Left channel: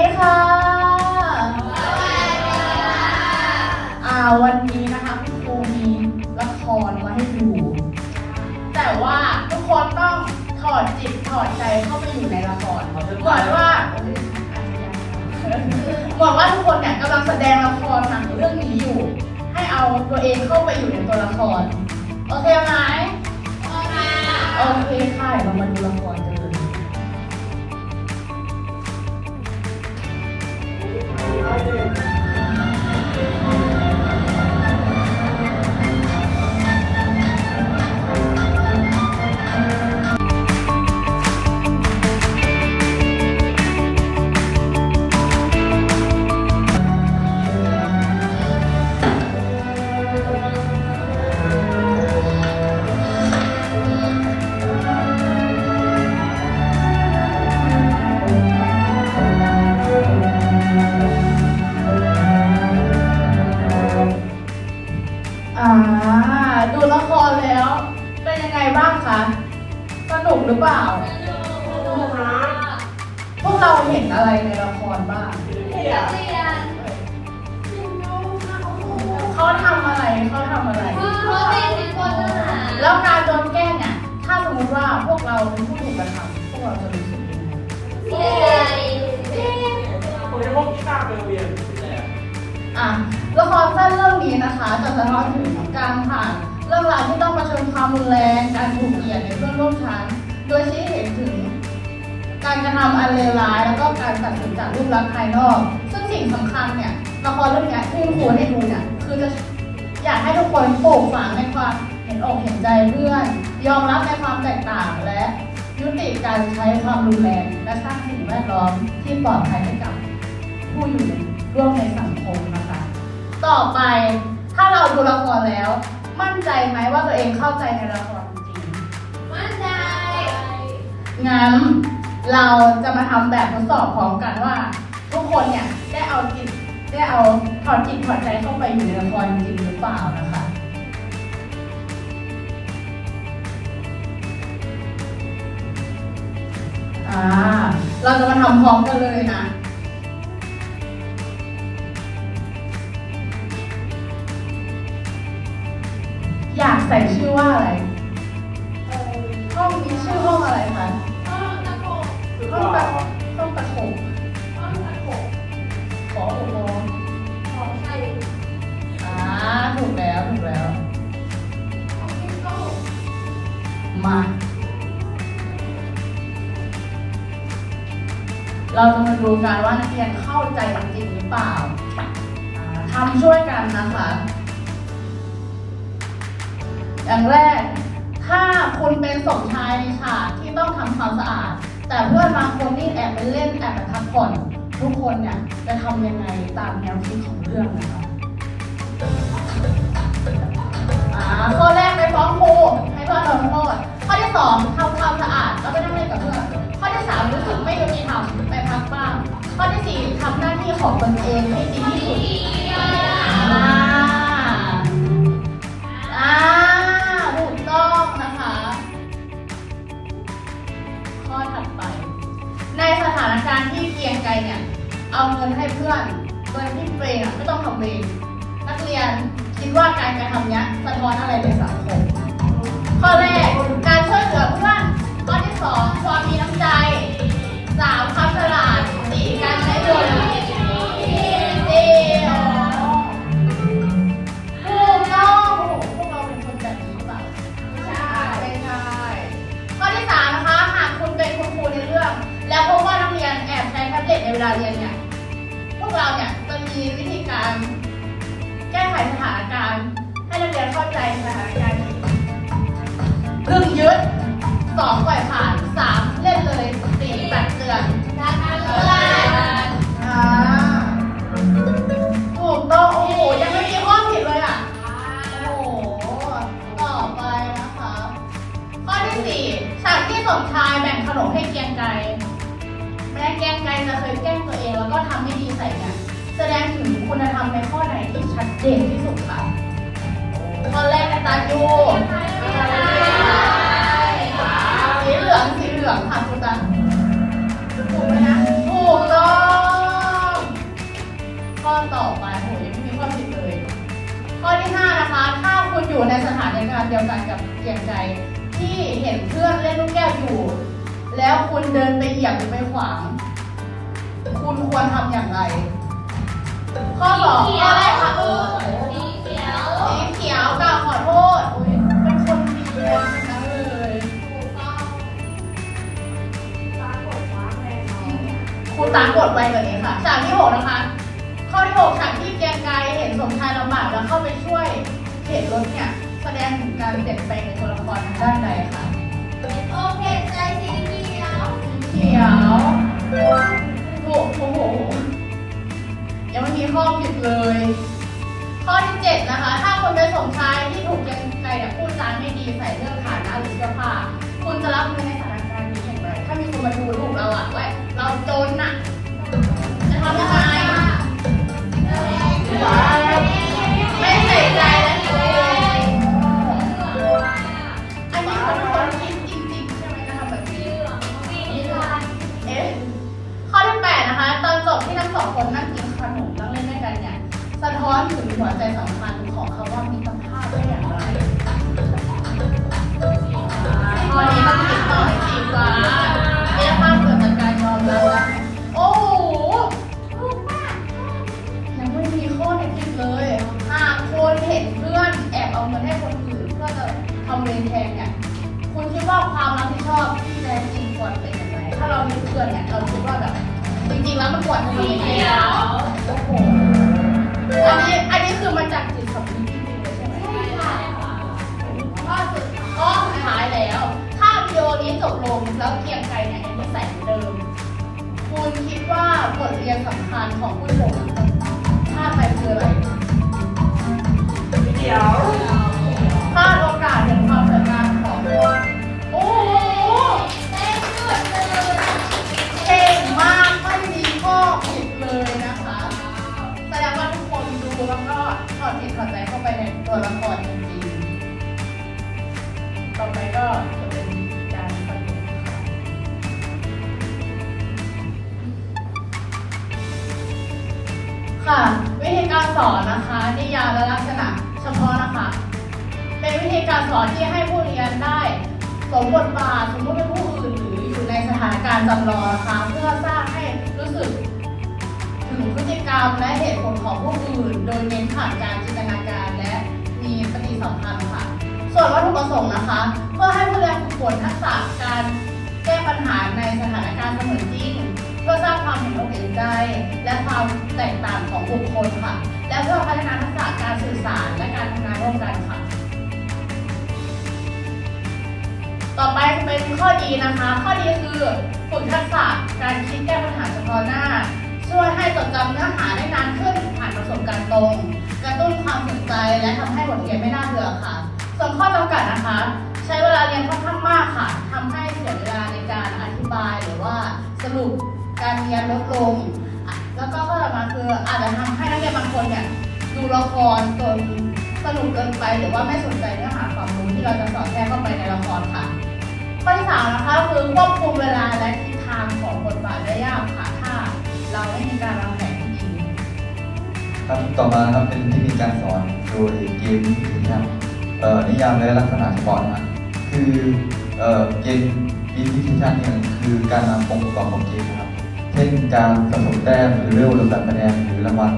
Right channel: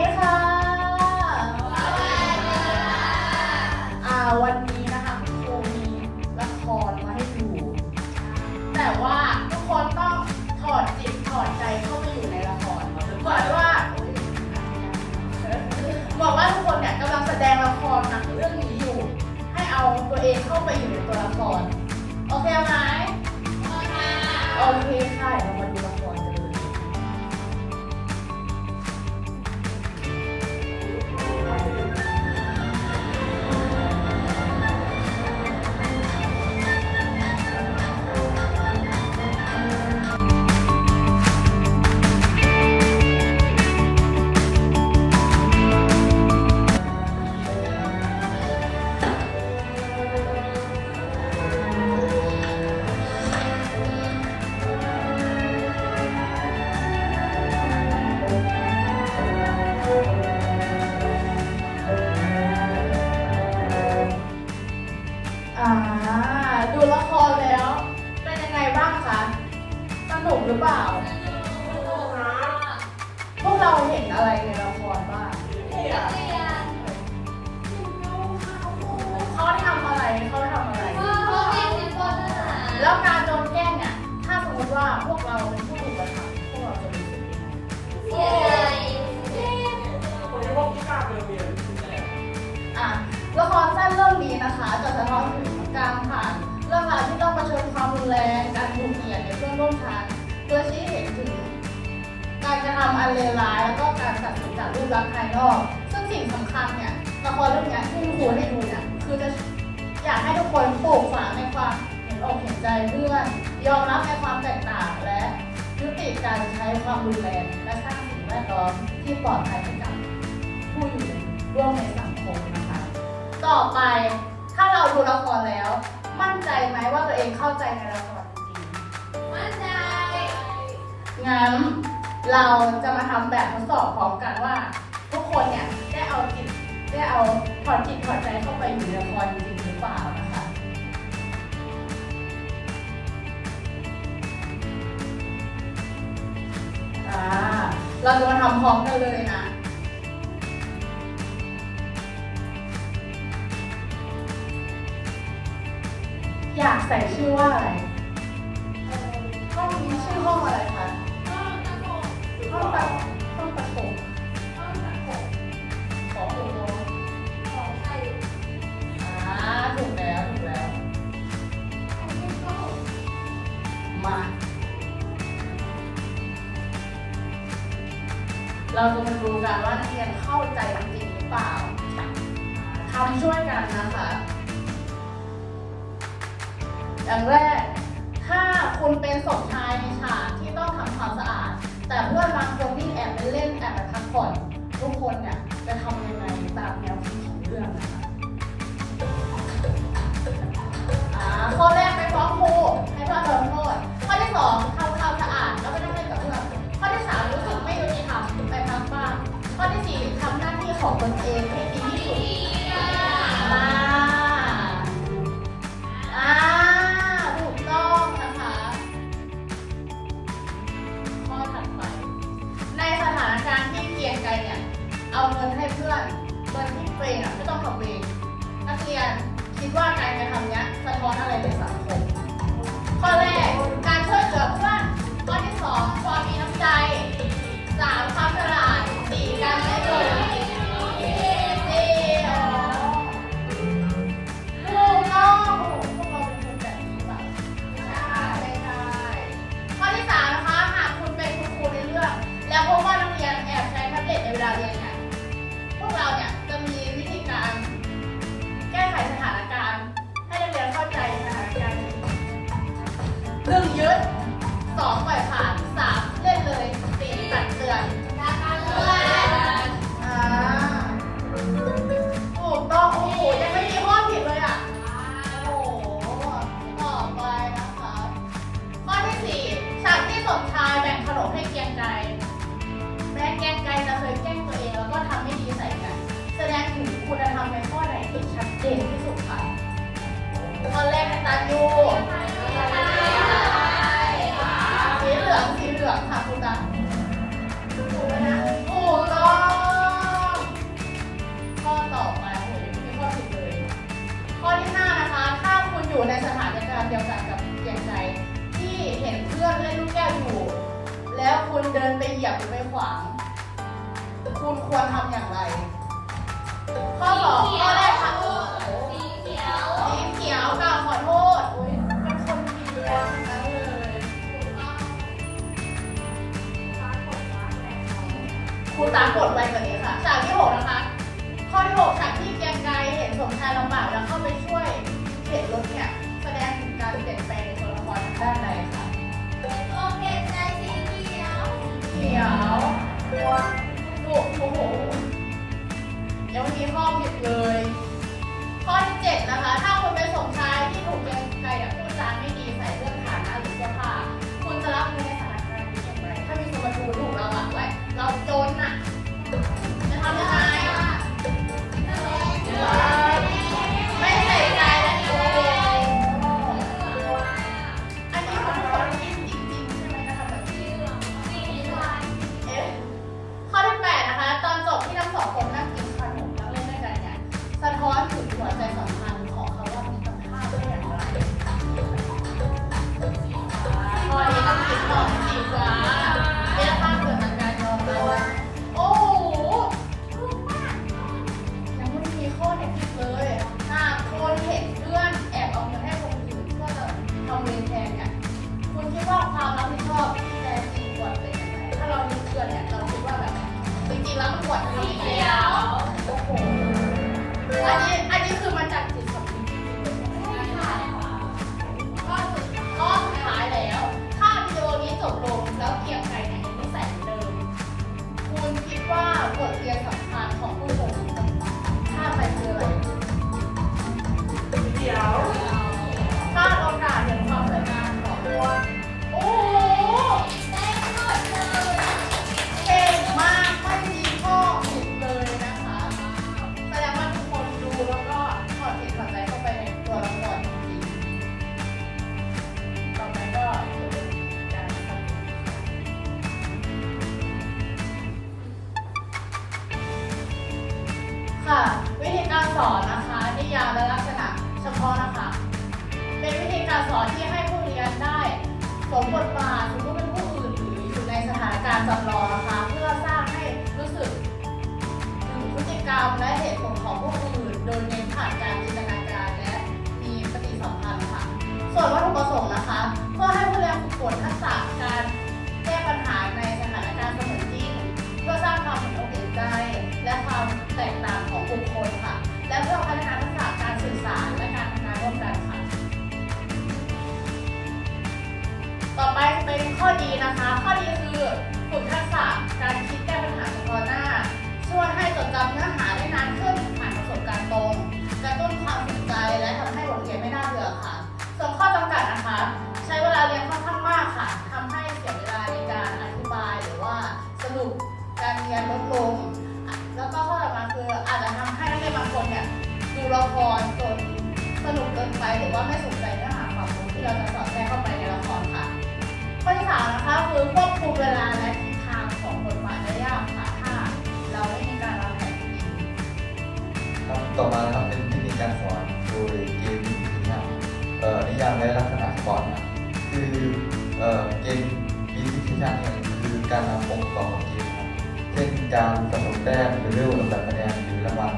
ดีค่ะอ่าวันนี้นะคะคุณครูมีละครมาให้ดู แต่ว่าทุกคนต้องถอดจิตถอดใจเข้าไปอยู่ในละครเหมือนว่าเหมือนว่าทุกคนเนี่ยกำลังแสดงละครหนังเรื่องนี้อยู่ ให้เอาตัวเองเข้าไปอยู่ในตัวละคร โอเคไหมโอเคค่ะเดี๋ยวเรามาดูละครกัน เราเห็นอะไรในละครบ้างเขาทำอะไรเขาทำอะไร แล้วการโดนแกล้งเนี่ย ถ้าสมมติว่าพวกเราเป็นผู้ถูกกระทำพวกเราจะรู้สึกยังไงผมจะพกกีตาร์ไปโรงเรียนที่แรกอะละครสั้นเรื่องนี้นะคะจะสะท้อนถึงการผ่านเรื่องราวที่ต้องเผชิญความรุนแรงการถูกเหยียดในเพื่อนร่วมชั้นโดยชี้เห็นถึง การกระทำอันเลวร้ายแล้วก็การตัดสินจากรูปลักษณ์ภายนอก ซึ่งสิ่งสำคัญเนี่ยละครเรื่องเนี้ยที่คุณครูให้ดูเนี่ยคือจะอยากให้ทุกคนปลูกฝังในความเห็นอกเห็นใจเพื่อน ยอมรับในความแตกต่างและยุติการใช้ความรุนแรงและสร้างสิ่งแวดล้อมที่ปลอดภัยให้กับผู้อยู่ร่วมในสังคมนะคะ ต่อไปถ้าเราดูละครแล้ว มั่นใจไหมว่าตัวเองเข้าใจในละครจริงๆงั้น เราจะมาทำแบบทดสอบพร้อมกันว่า ทุกคนเนี่ยได้เอาจิตได้เอาถอดจิตถอดใจเข้าไปอยู่ในละครจริงหรือเปล่านะคะอ่าเราจะมาทำพร้อมกันเลยนะอยากใส่ชื่อว่าอะไรห้องนี้ชื่อห้องอะไรคะ คือห้องว่าประห้องประถมขอโอ้โหอ่าถูกแล้วถูกแล้ว มา เราจะมาดูกันว่านักเรียนเข้าใจจริงหรือเปล่าอ่าทำช่วยกันนะคะอย่างแรก ถ้าคุณเป็นสมชายในฉากที่ต้องทำความสะอาด แต่เพื่อนบางคนนี่แอบไปเล่นแอบไปพักผ่อนทุกคนเนี่ยจะทำยังไงตามแนวคิดของเรื่องนะคะอ่าข้อแรกไปฟ้องครูให้เพื่อนโดนโทษข้อที่สองทำความสะอาด เงินให้เพื่อนโดยที่ตัวเองอะไม่ต้องทำเองนักเรียนคิดว่าการกระทำเนี้ยสะท้อนอะไรในสังคมข้อแรกการช่วยเหลือเพื่อนข้อที่สองความมีน้ำใจสามความฉลาด สองปล่อยผ่านสามเล่นเลยสี่ตัดเตือนอ่าถูกต้องโอ้โหยังไม่มีข้อผิดเลยอะโอ้โหต่อไปนะคะข้อที่สี่ฉากที่สมชายแบ่งขนมให้เกียงไกรแม้เกรียงไกรจะเคยแกล้งตัวเองแล้วก็ทำไม่ดีใส่เนี่ยแสดงถึงคุณธรรมในข้อไหนที่ชัดเจนที่สุดคะข้อแรกนะ หลังคาคุณตาถูกไหมนะถูกต้องข้อต่อไปโอ้ยังไม่มีข้อผิดเลย ข้อที่ห้านะคะ ถ้าคุณอยู่ในสถานการณ์เดียวกันกับเกียงใจ ที่เห็นเพื่อนเล่นลูกแก้วอยู่ แล้วคุณเดินไปเหยียบหรือไปขวาง คุณควรทำอย่างไร ข้อสองข้อแรกค่ะ ด้านใดค่ะโอเคใจสีเขียวเขียวโอ้โหยังไม่มีข้อผิดเลย ข้อที่เจ็ดนะคะ ถ้าคุณเป็นสมชายที่ถูกเกรียงไกรเนี่ยพูดจาไม่ดีใส่เรื่องฐานะหรือเสื้อผ้าคุณจะรับมือในสถานการณ์นี้อย่างไร ถ้ามีคนมาดูถูกเราอะว่าเราจน สะท้อนถึงหัวใจสำคัญของคำว่ามิตรภาพได้อย่างไรข้อนี้ต้องติดหน่อยสีฟ้า ลงแล้วเพียงใครเนี่ยยังนิสัยเหมือนเดิม คุณคิดว่าบทเรียนสำคัญของผู้ชมชาดไปคืออะไร ค่ะ วิธีการสอนนะคะนิยามและลักษณะเฉพาะนะคะ เป็นวิธีการสอนที่ให้ผู้เรียนได้สมบทบาทสมมติเป็นผู้อื่นหรืออยู่ในสถานการณ์จำลองนะคะเพื่อสร้างให้รู้สึกถึงพฤติกรรมและเหตุผลของผู้อื่น โดยเน้นผ่านการจินตนาการและมีปฏิสัมพันธ์ค่ะ ส่วนวัตถุประสงค์นะคะ เพื่อให้ผู้เรียนฝึกฝนทักษะการแก้ปัญหาในสถานการณ์เสมือนจริง เพื่อสร้างความเห็นอกเห็นใจ และความแตกต่างของบุคคลค่ะ และเพื่อพัฒนาทักษะการสื่อสารและการทำงานร่วมกันค่ะ ต่อไปเป็นข้อดีนะคะ ข้อดีคือฝึกทักษะการคิดแก้ปัญหาเฉพาะหน้า ช่วยให้จดจำเนื้อหาได้นานขึ้นผ่านประสบการณ์ตรงกระตุ้นความสนใจและทำให้บทเรียนไม่น่าเบื่อค่ะ ส่วนข้อจำกัดนะคะ ใช้เวลาเรียนค่อนข้างมากค่ะทำให้เสียเวลาในการอธิบายหรือว่าสรุป การเรียนลดลง แล้วก็ข้อต่อมาคืออาจจะทำให้นักเรียนบางคนเนี่ยดูละครจนสนุกเกินไปหรือว่าไม่สนใจเนื้อหาความรู้ที่เราจะสอนแทรกเข้าไปในละครค่ะข้อที่สามนะคะคือควบคุมเวลาและทิศทางของบทบาทได้ยากค่ะถ้าเราไม่มีการวางแผนที่ดีครับต่อมาครับเป็นเทคนิคการสอนโดยเกมวิธีครับเอ่อนิยามและลักษณะเฉพาะนะคือเอ่อเกมวิธีที่ชัดเนี่ยคือการนำองค์ประกอบของเกมครับ ช่นการสะสมแต้มหรือเรื่องลำดับคะแนนหรือรางวัล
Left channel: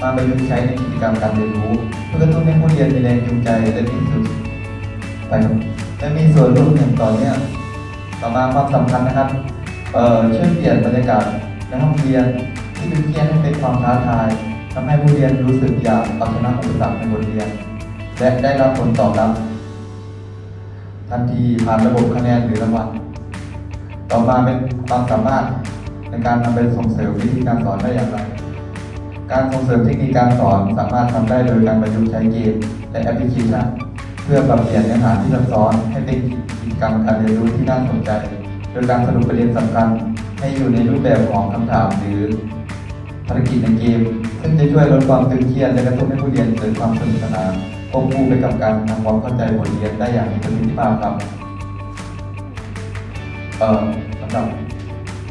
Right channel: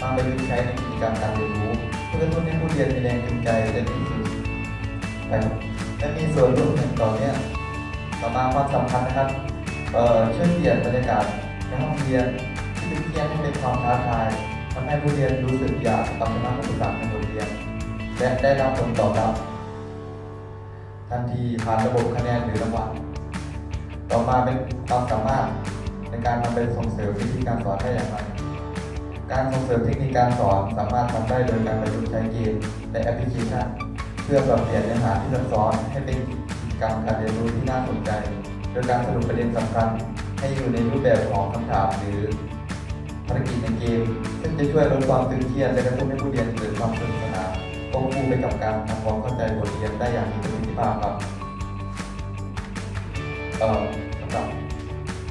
มาประยุกต์ใช้ในกิจกรรมการเรียนรู้เพื่อกระตุ้นให้ผู้เรียนมีแรงจูงใจและมีส่วนไปและมีส่วนร่วมอย่างต่อเนื่องต่อมาความสำคัญนะครับเอ่อช่วยเปลี่ยนบรรยากาศในห้องเรียนที่ดูเครียดให้เป็นความท้าทายทำให้ผู้เรียนรู้สึกอยากเอาชนะอุปสรรคในบทเรียน และได้รับผลตอบรับ ทันทีผ่านระบบคะแนนหรือรางวัลต่อมาเป็นความสามารถ ในการนำไปส่งเสริมวิธีการสอนได้อย่างไร การส่งเสริมเทคนิคการสอนสามารถทำได้โดยการประยุกต์ใช้เกมและแอปพลิเคชันเพื่อปรับเปลี่ยนเนื้อหาที่ซับซ้อนให้เป็นกิจกรรมการเรียนรู้ที่น่าสนใจ โดยการสรุปประเด็นสำคัญ ให้อยู่ในรูปแบบของคำถามหรือภารกิจในเกม ซึ่งจะช่วยลดความตึงเครียดและกระตุ้นให้ผู้เรียนเกิดความสนุกสนานควบคู่ไปกับการทำความเข้าใจบทเรียนได้อย่างมีประสิทธิภาพครับ เอ่อสำหรับ